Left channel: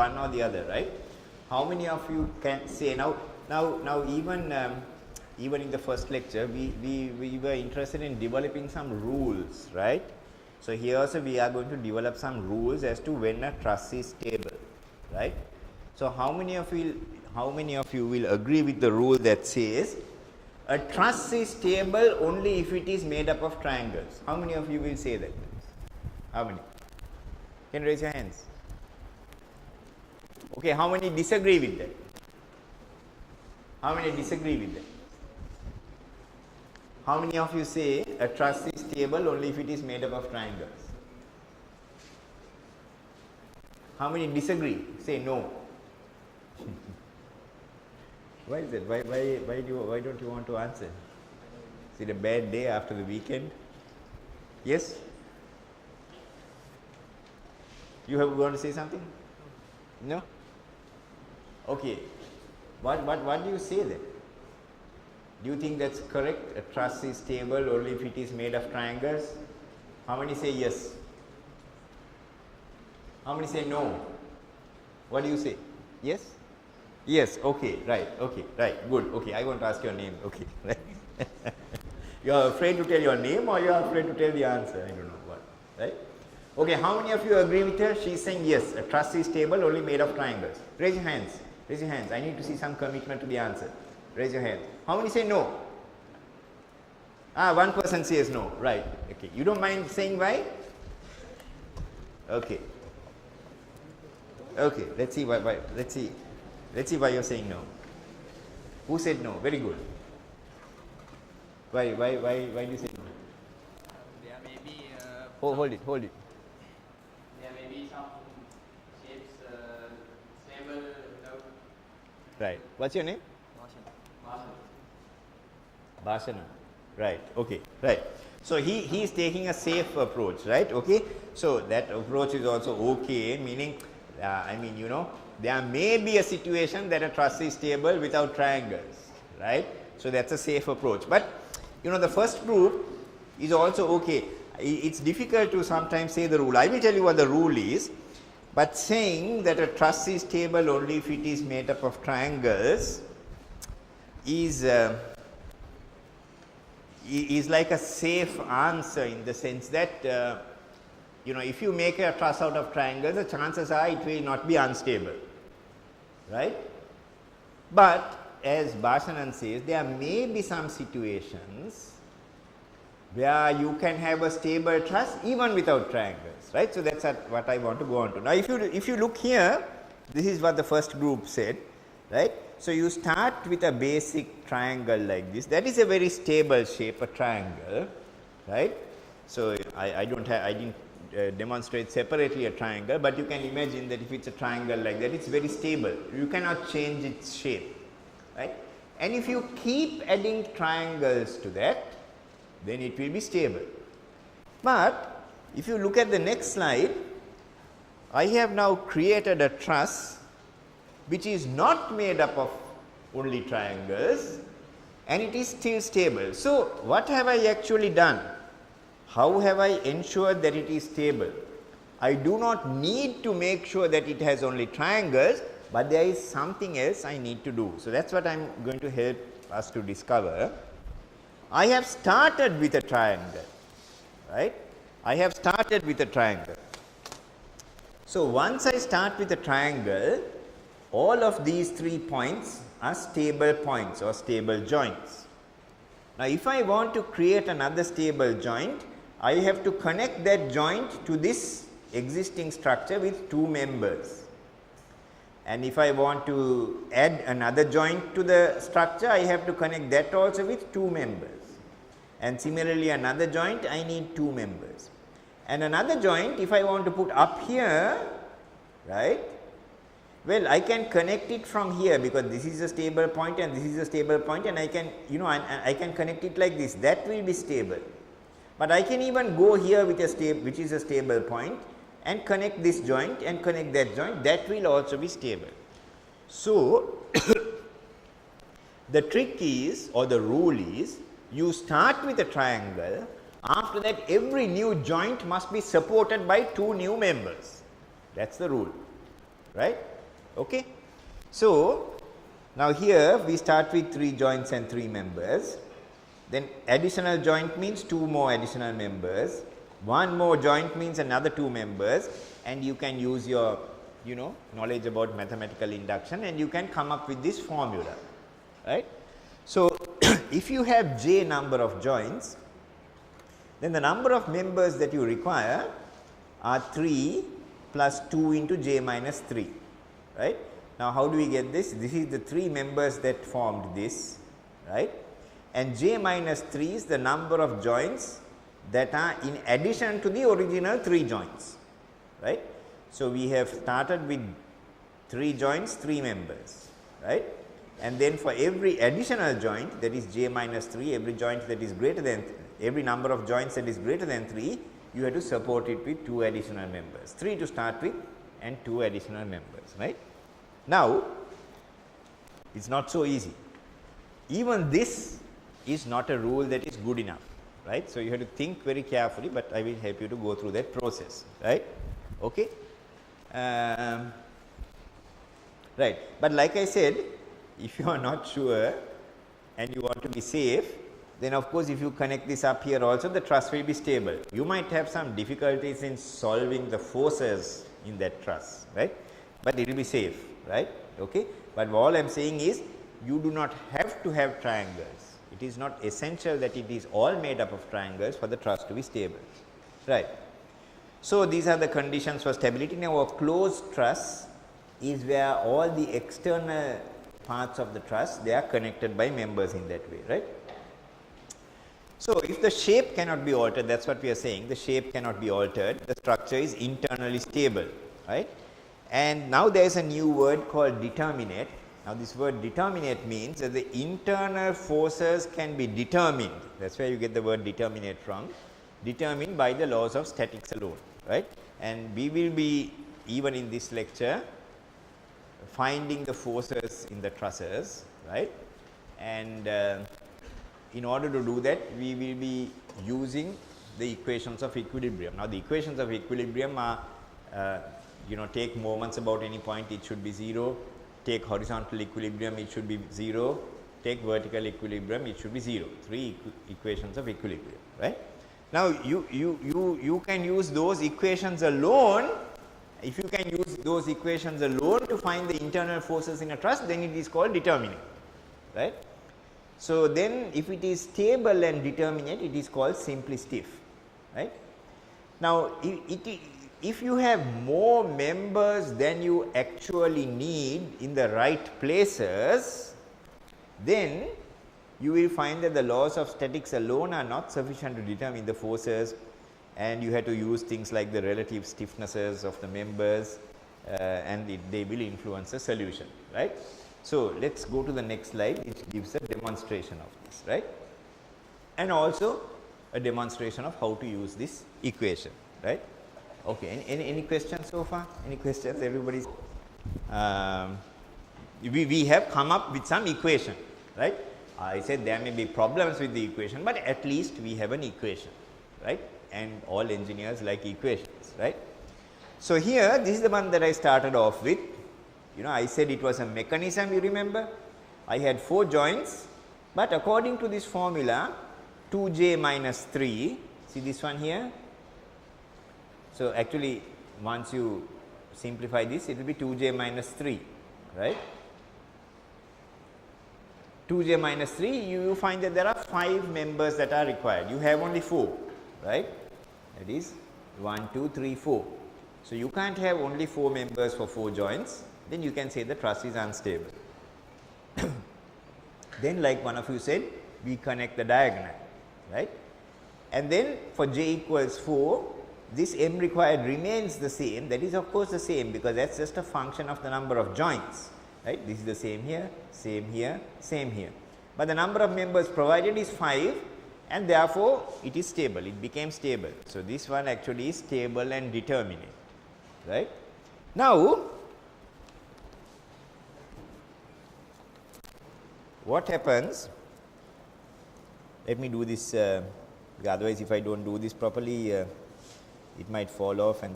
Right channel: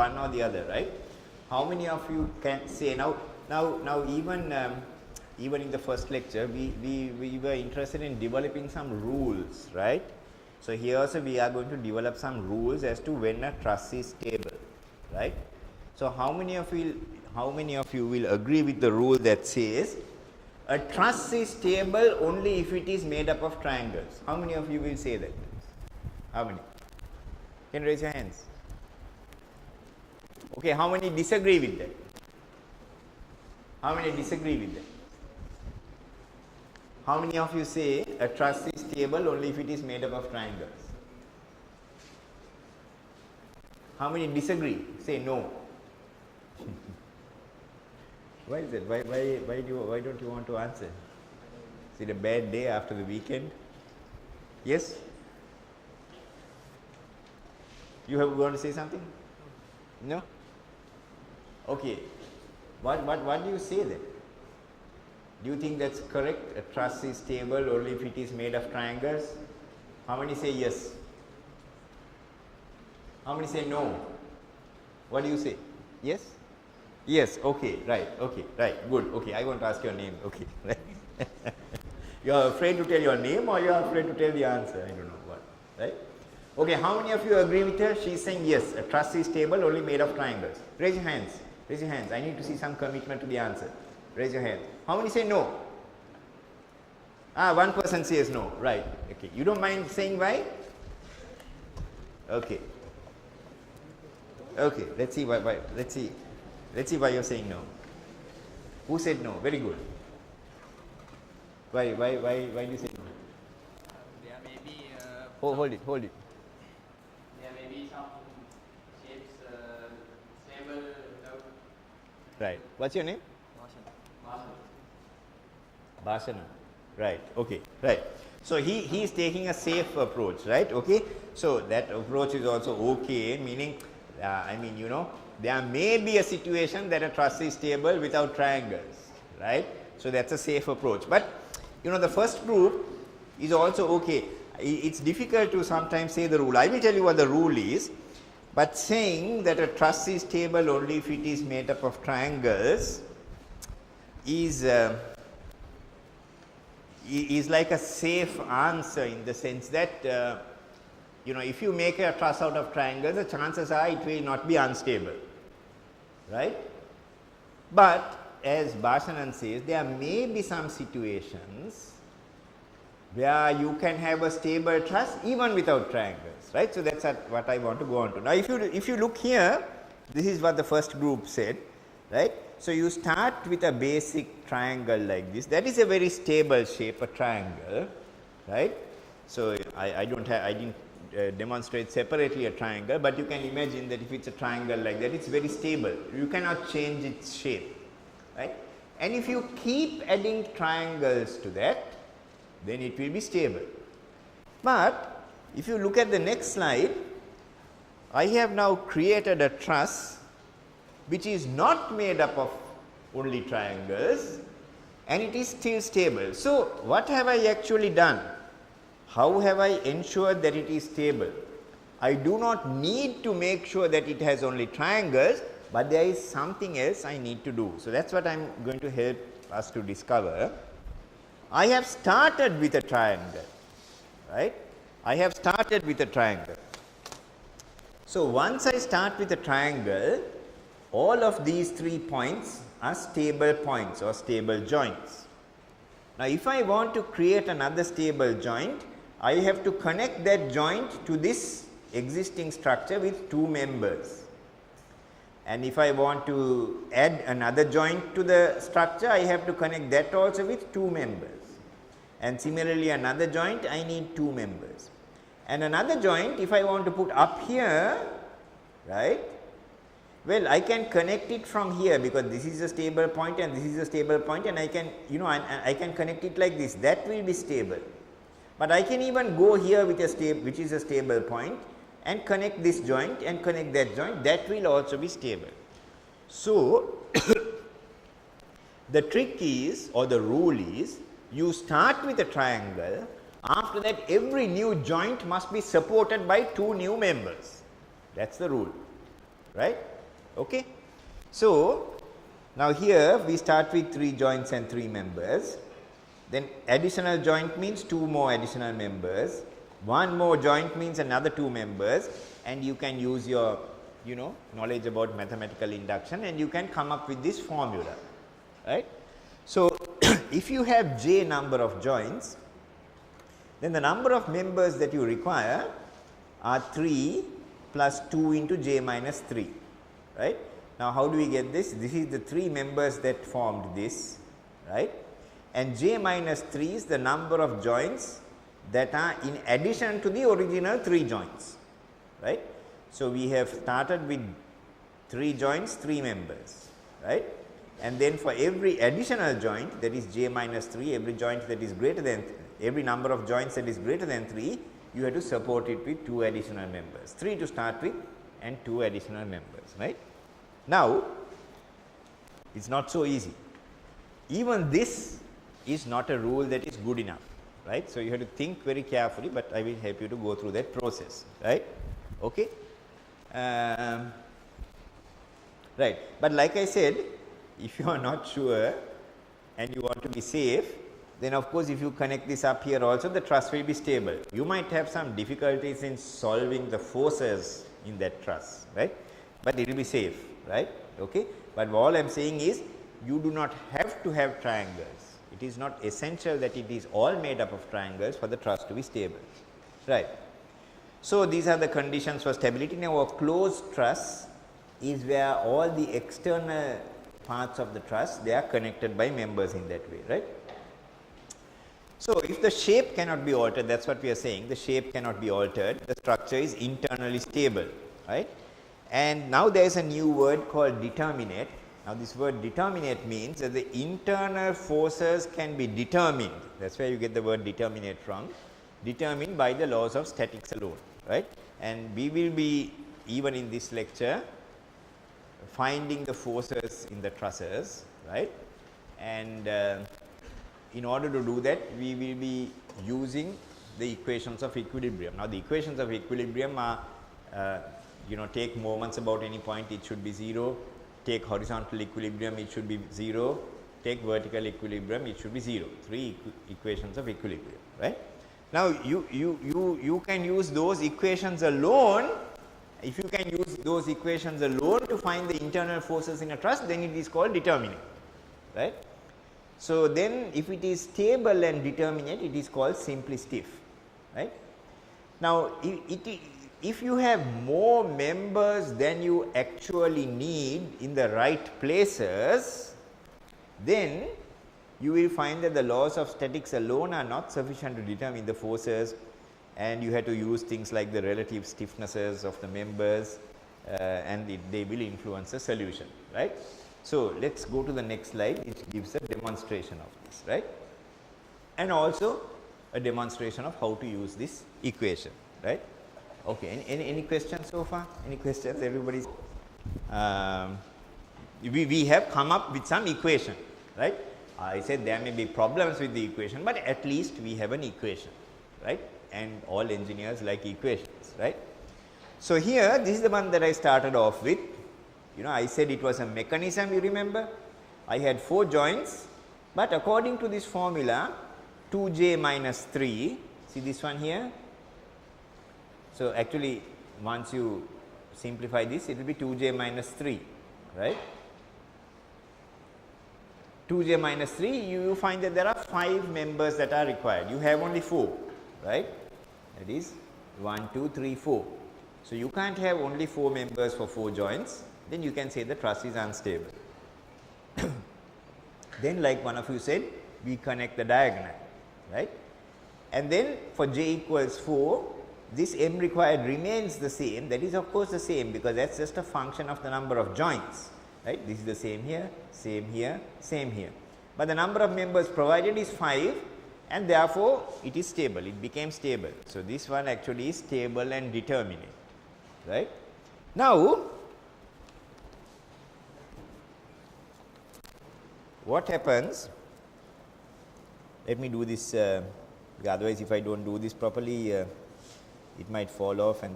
one or the other, right? How many of you can say now even in the first lecture we were interested in developing some rules, right? So here also we are going to develop some rules as to when a truss is stable, right? So how many of you will agree with the rule that says a truss is stable only if it is made up of triangles? How many of you will say that? How many? Can you raise your hands? Okay, how many disagree with that? How many disagree with that? How many of you say a truss is stable only if it is made up of triangles? How many disagree? Say no. Why is it? Why don't you want to answer? Is it a bad day after the weekend? Yes? You want to say something? No? Okay. What do you say then? Do you think that's correct? A truss is stable only if it is made of triangles? How many say yes? How many say no? What do you say? Yes? Yes, okay, right, good, okay, I want to ask your name, okay, right. You are afraid to tell your name or you are afraid to tell the answer? I don't know what, right? Okay, how many of you agree with her? She is saying yes, a truss is stable only made of triangles. Raise your hands, raise your hands. I need to see some commitment to the answer. Raise your hand. How many say no? One person says no, right, okay. You don't mind saying why? Okay. Okay, let's see why, let's see why you're saying no. Who said no? Very good. Why do you say no? There may be hold it. There may be some shapes stable without. Right. What's your name? Bashana. Bashana. Right. Okay. Right. So he is taking a safe approach, right? Okay. So that approach is also okay, meaning I mean, you know, there may be a situation that a truss is stable without triangles, right? So that's a safe approach. But you know, the first group is also okay. It's difficult to sometimes say the rule. I will tell you what the rule is, but saying that a truss is stable only if it is made up of triangles is like a safe answer in the sense that you know, if you make a truss out of triangles, the chances are it will not be unstable, right? But as Bhasanan says, there may be some situations where you can have a stable truss even without triangles, right? So that's what I want to go on to. Now, if you look here, this is what the first group said, right? So you start with a basic triangle like this. That is a very stable shape, a triangle, right? So I didn't demonstrate separately a triangle, but you can imagine that if it's a triangle like that, it's very stable. You cannot change its shape, right? And if you keep adding triangles to that, then it will be stable. But if you look at the next slide, I have now created a truss which is not made up of only triangles and it is still stable. So what have I actually done? How have I ensured that it is stable? I do not need to make sure that it has only triangles, but there is something else I need to do. So that's what I'm going to help us to discover. I have started with a triangle, right? I have started with a triangle. So once I start with a triangle, all of these 3 points are stable points or stable joints. Now if I want to create another stable joint, I have to connect that joint to this existing structure with 2 members. And if I want to add another joint to the structure, I have to connect that also with 2 members. And similarly another joint, I need 2 members. And another joint, if I want to put up here, right, well, I can connect it from here because this is a stable point and this is a stable point, and I can, you know, I can connect it like this. That will be stable. But I can even go here with a which is a stable point, and connect this joint and connect that joint. That will also be stable. So the trick is, or the rule is, you start with a triangle. After that, every new joint must be supported by 2 new members. That's the rule, right? Okay. So now here we start with 3 joints and 3 members. Then additional joint means 2 more additional members. 1 more joint means another 2 members, and you can use your knowledge about mathematical induction and you can come up with this formula, right. So if you have j number of joints, then the number of members that you require are 3 plus 2 into j minus 3, right. Now how do we get this? This is the 3 members that formed this, right, and j minus 3 is the number of joints that are in addition to the original 3 joints, right. So we have started with 3 joints, 3 members, right, and then for every additional joint, that is j minus 3, every joint that is greater than every number of joints that is greater than 3, you have to support it with 2 additional members, 3 to start with and 2 additional members, right. Now it's not so easy. Even this is not a rule that is good enough, right. So you have to think very carefully, but I will help you to go through that process, right. Okay. Right, but like I said, if you are not sure and you want to be safe, then of course if you connect this up here also, the truss will be stable. You might have some difficulties in solving the forces in that truss, right, but it will be safe, right. Okay. But all I am saying is, you do not have to have triangles. It is not essential that it is all made up of triangles for the truss to be stable, right. So these are the conditions for stability. Now a closed truss is where all the external parts of the truss, they are connected by members in that way, right. So if the shape cannot be altered, that is what we are saying, the shape cannot be altered, the structure is internally stable, right. And now there is a new word called determinate. Now this word determinate means that the internal forces can be determined, that is where you get the word determinate from, determined by the laws of statics alone, right. And we will be, even in this lecture, finding the forces in the trusses, right. And in order to do that, we will be using the equations of equilibrium. Now the equations of equilibrium are, take moments about any point, it should be 0, take horizontal equilibrium, it should be 0, take vertical equilibrium, it should be 0, 3 equations of equilibrium, right. Now you can use those equations alone. If you can use those equations alone to find the internal forces in a truss, then it is called determinate, right. So then if it is stable and determinate, it is called simply stiff, right. Now if you have more members than you actually need in the right places, then you will find that the laws of statics alone are not sufficient to determine the forces, and you have to use things like the relative stiffnesses of the members, and they will influence the solution, right. So let us go to the next slide, which gives a demonstration of this, right, and also a demonstration of how to use this equation, right. Okay, any questions so far? Any questions? Everybody's we have come up with some equation, right. I said there may be problems with the equation, but at least we have an equation, right, and all engineers like equations, right. So here, this is the one that I started off with. I said it was a mechanism, you remember. I had 4 joints, but according to this formula, 2j minus 3, see this one here. So actually, once you simplify this, it will be 2j minus 3, right. 2j minus 3, you find that there are 5 members that are required. You have only 4, right. That is 1, 2, 3, 4. So you can't have only 4 members for 4 joints, then you can say the truss is unstable. Then, like one of you said, we connect the diagonal, right. And then for j equals 4, this m required remains the same. That is of course the same, because that is just a function of the number of joints, right. This is the same here, same here, same here. But the number of members provided is 5, and therefore it is stable, it became stable. So this one actually is stable and determinate, right. Now what happens, let me do this, otherwise if I do not do this properly, it might fall off and